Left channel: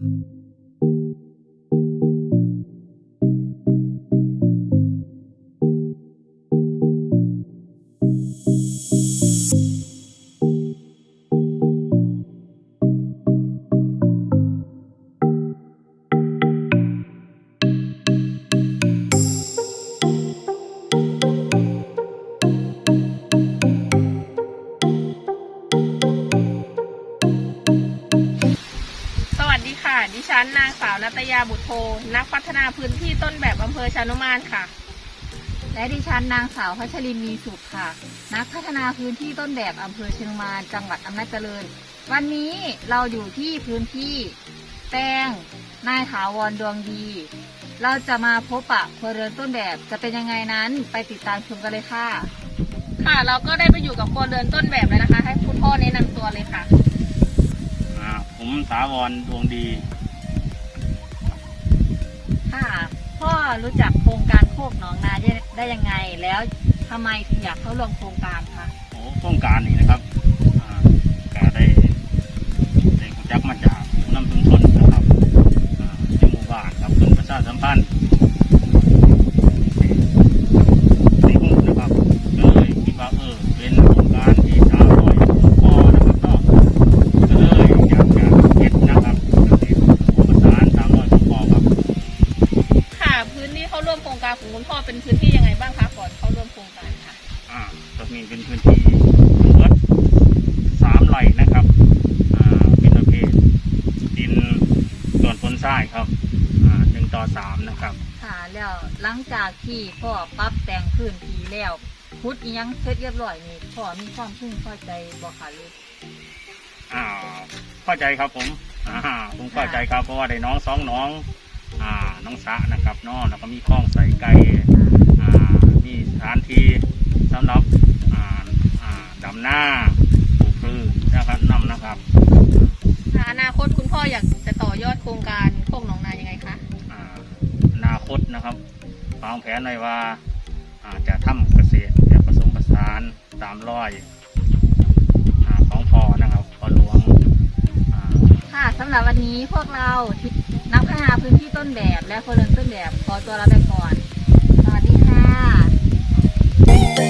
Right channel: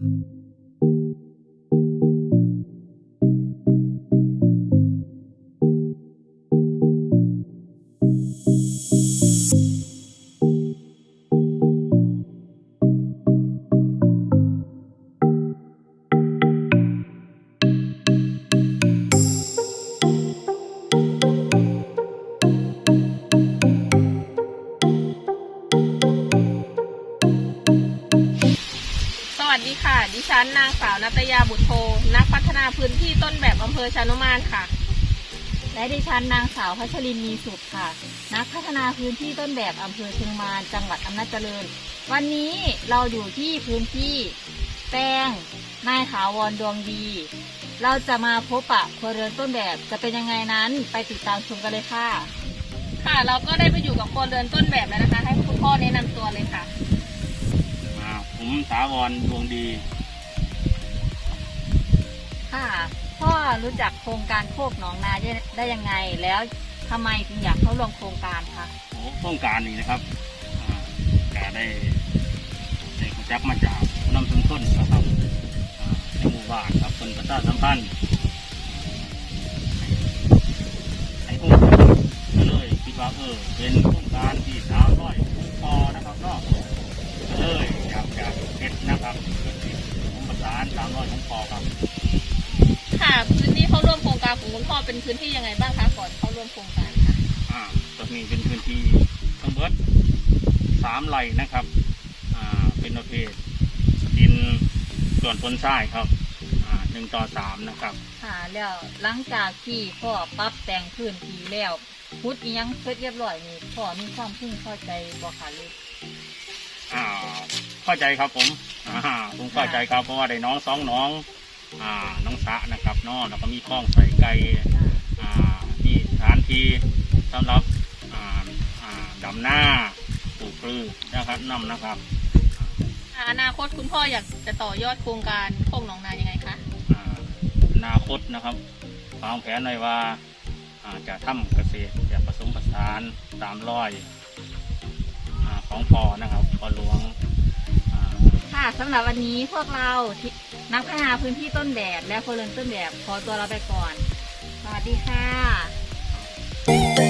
ส ดีค่ะดิฉันนางสาวนัตยาบุตรโทนักพัฒนาพื้นที่ต้นแบบอำเภอชานุมานค่ะ และดิฉันนางสาวพัชรินมีสุขค่ะ นักพัฒนาพื้นที่ต้นแบบอำเภอเชียงมานจังหวัดอำนาจเจริญ วันนี้เราอยู่ที่พื้นที่แป้งนายถาวรดวงดี เราจะมาพบปะครัวเรือนต้นแบบจะเป็นยังไงนั้นไปติดตามชมกันเลยค่ะ ค่ะเราก็ได้ไปอยู่กับครัวเรือนต้นแบบแล้วนะคะ ให้คุณพ่อแนะนำตัวเลยค่ะ อ่าผมสาวรดวงดี รู้จักโครงการโคกหนองนาได้ได้ยังไง แล้วทำไมถึงอยากเข้าร่วมโครงการคะโอ้โครงการนี้นะครับอ่าก็ได้ได้รู้จักมาจากผู้นำชุมชนนะครับอ่าที่หมู่บ้านครับส่วนประชาสัมพันธ์ คุณพ่อเป็นพื้นที่ยังไงบ้างคะก่อนเข้าร่วมโครงการค่ะอ่าตรงนี้เป็นพื้นที่ทั้งหมดสามไร่นะครับอ่าเป็นประเภทดินส่วนพ้นทรายครับอ่าหนึ่งต่อสามนะครับค่ะแล้วหลังจากที่พ่อปรับแต่งพื้นที่แล้วพุดอิหยังเสร็จเรียบร้อยนี่พ่อมีความพึงพอใจบ่คะหรืออ่าเข้าใจครับผมอ่าผมเข้าใจครับเพราะว่าได้น้องสองน้อง อ่าน้องสะนะครับเน้องแล้วก็มีคลองใส่ไก่อ่ามีสถานที่สำหรับอ่าอ่าดำหน้าปลูกพืชนะครับนำนะครับอนาคตคุณพ่ออยากจะต่อยอดโครงการโคกหนองนายังไงคะอ่าอนาคตนะครับวางแผนไว้ว่าอ่าจะทำเกษตรจะผสมผสานตามร้อยอาของพอนะครับพอหลวงอ่าค่ะสำหรับวันนี้พวกเราที่ นักพัฒนาพื้นที่ต้นแบบและคนเรือนต้นแบบขอตัวลาไปก่อน สวัสดีค่ะ